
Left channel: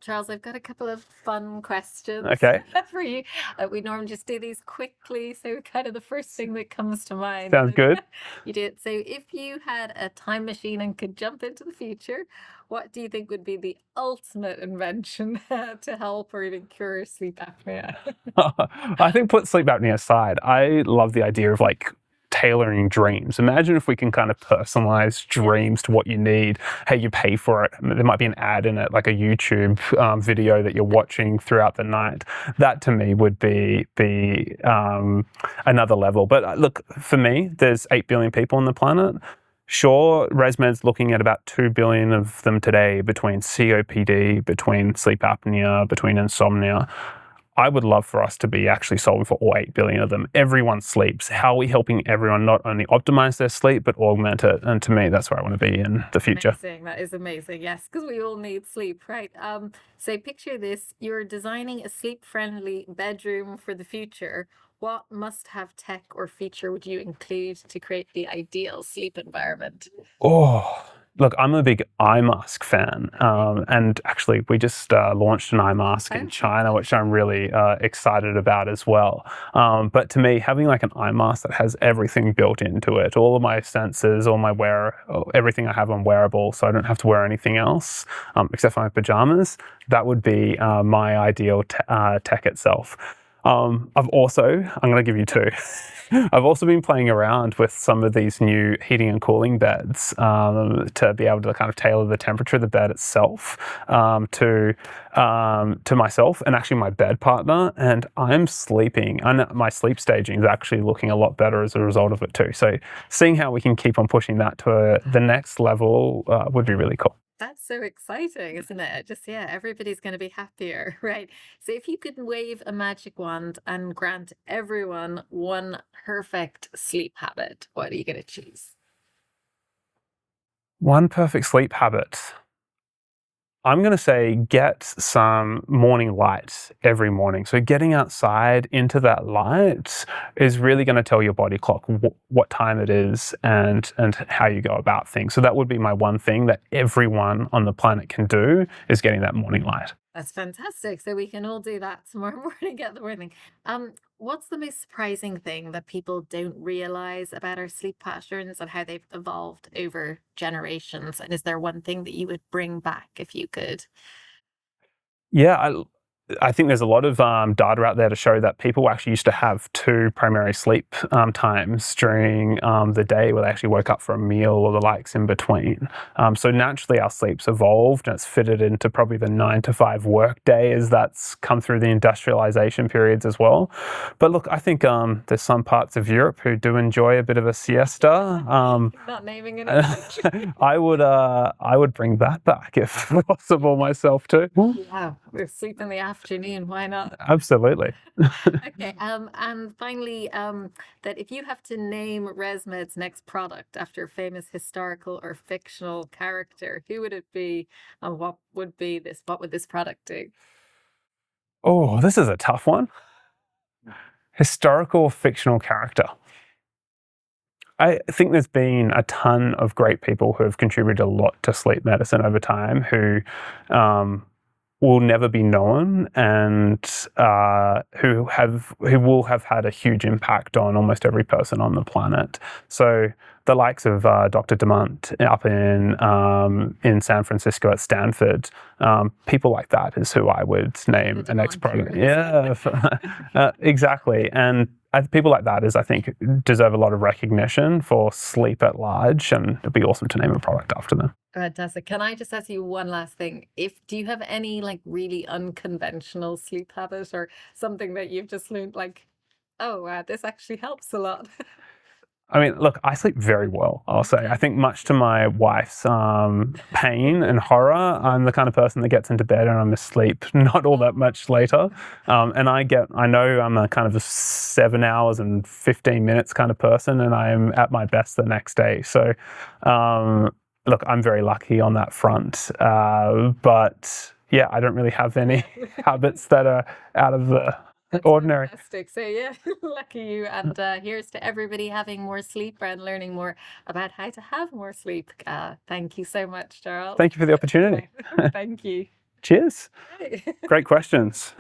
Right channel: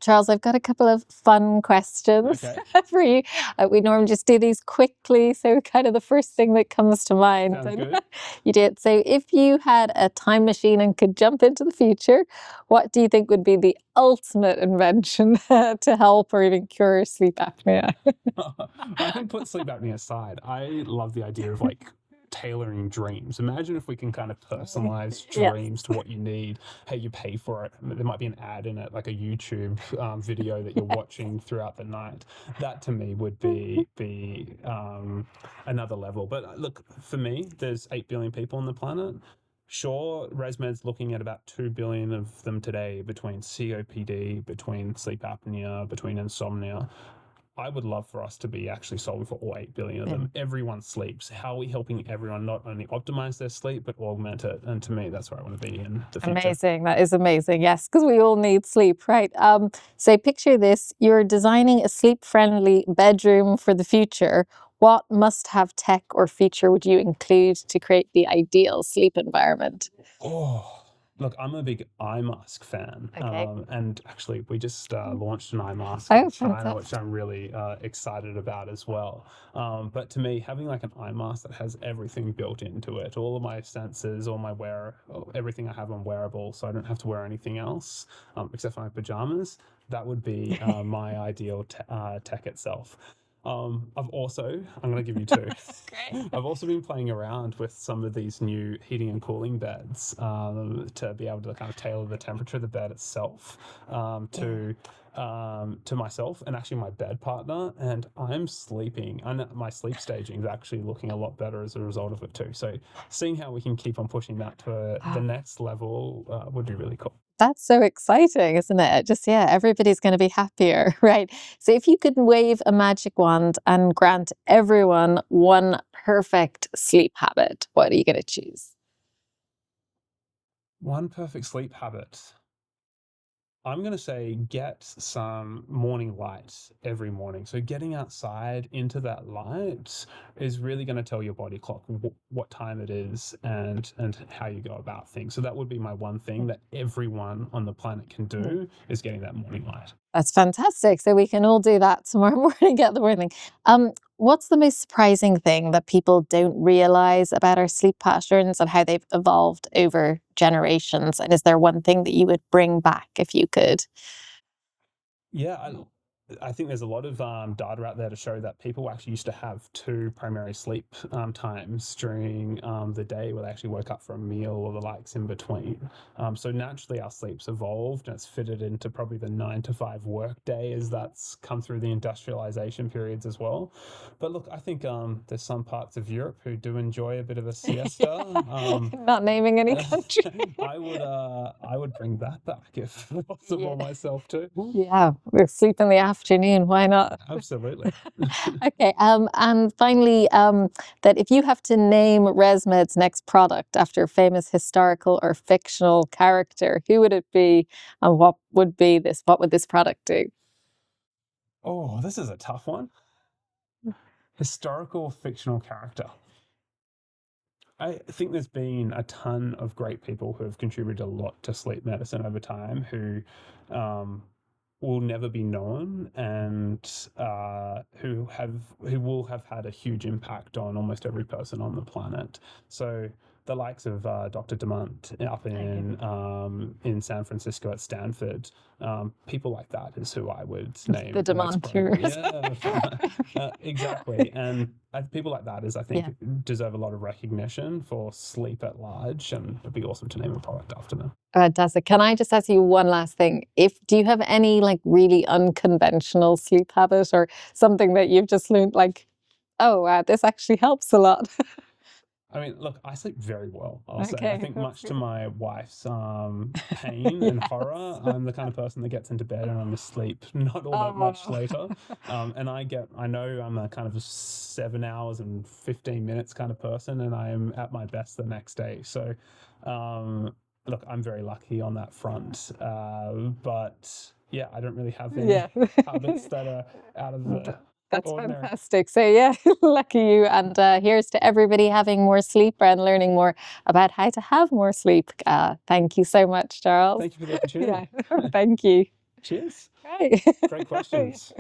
Charles, I've got a couple of fun questions Okay. for you. We normally just do these quickly, so kind of the first thing that comes to mind. Sounds good. You did. So if you had a time machine and could jump into the future, what do you think would be the ultimate invention to help or even cure sleep apnea? I think put sleep apnea aside, I love the idea of like tailoring dreams. Imagine if we can kind of personalize dreams to what you need. Hey, you pay for it. There might be an ad in it, like a YouTube video that you're watching throughout the night. That to me would be another level. But look, for me, there's 8 billion people on the planet. Sure, Resmed's looking at about 2 billion of them today between COPD, between sleep apnea, between insomnia. I would love for us to be actually solving for all 8 billion of them. Everyone sleeps. How are we helping everyone not only optimize their sleep, but augment it? And to me, that's where I want to be in the future. Amazing. That is amazing. Yes, because we all need sleep, right? So picture this. You're designing a sleep-friendly bedroom for the future. What must-have tech or feature would you include to create the ideal sleep environment? Oh, Look, I'm a big eye mask fan, and actually we just launched an eye mask in China, which I'm really excited about as well. But to me, having like an eye mask that has everything built into it, all of my sensors, everything I have on wearable, so I don't have to wear anything else except for my pajamas, that would be my ideal tech itself. I'm going to give you two. I've also been playing around with some of these new heating and cooling beds to be able to kind of tailor the temperature of the bed itself to myself and actually my bed partner. And I'm sleeping, and my sleep staging is actually looking a lot better as a result of it too. So seeing how we can keep on pushing that to the next level would be really cool. That's so exciting, isn't it? Just, yeah, everybody's going to be happier, right? So if you could wave a magic wand and grant everyone one perfect sleep habit, what are you going to choose? One perfect sleep habit. I'm going to say get some morning light every morning. So getting outside into that light is really going to tell your body clock what time it is and how you go about things. So that would be my one thing that everyone on the planet can do, is getting that morning light. That's fantastic. So we can all do that tomorrow morning, get the morning. What's the most surprising thing that people don't realize about our sleep patterns and how they've evolved over generations? And is there one thing that you would bring back if you could? Yeah, I think there's a lot of data out there to show that people actually used to have two primary sleep times during the day, where they actually woke up for a meal or the likes in between. So naturally our sleep's evolved, and it's fitted into probably the 9 to 5 work day as that's come through the industrialization periods as well. But look, I think there's some parts of Europe who do enjoy a bit of a siesta. Not naming any country. I would bring that back if possible myself too. Yeah, we're sleep in the afternoon. Why not? Absolutely. Okay. And finally, that if you have to name Resmed's next product after a famous historical or fictional character, who would it be, and what would this product do? Oh, this is a tough one. Historical fictional character. I think there's been a ton of great people who have contributed a lot to sleep medicine over time who will never be known, and who will have had a huge impact on almost every person on the planet. So the likes of Dr. Demant up in San Francisco at Stanford, people like that is who I would name the next product. Yeah, exactly. And people like that I think deserve a lot of recognition for sleep at large, and it'd be awesome to name a product after them. Fantastic. Can I just ask you one last thing? Do you have any like really unconventional sleep habit or something that you've just learned, like, oh, wow, this actually helps a lot? I mean, look, I sleep very well, I'll say. I think much to my wife's pain and horror, I'm the kind of person that gets into bed and I'm asleep not all that much later. And I know I'm a kind of a 7 hours and 15 minutes kind of person, and I'm at my best the next day. So, look, I'm very lucky on that front. But yeah, I don't really have any habits that are out of the ordinary. Fantastic. So yeah, lucky you. And here's to everybody having more sleep and learning more about how to have more sleep. Thank you so much, Charles. Thank you for the opportunity. Thank you. Cheers. Right. Great questions.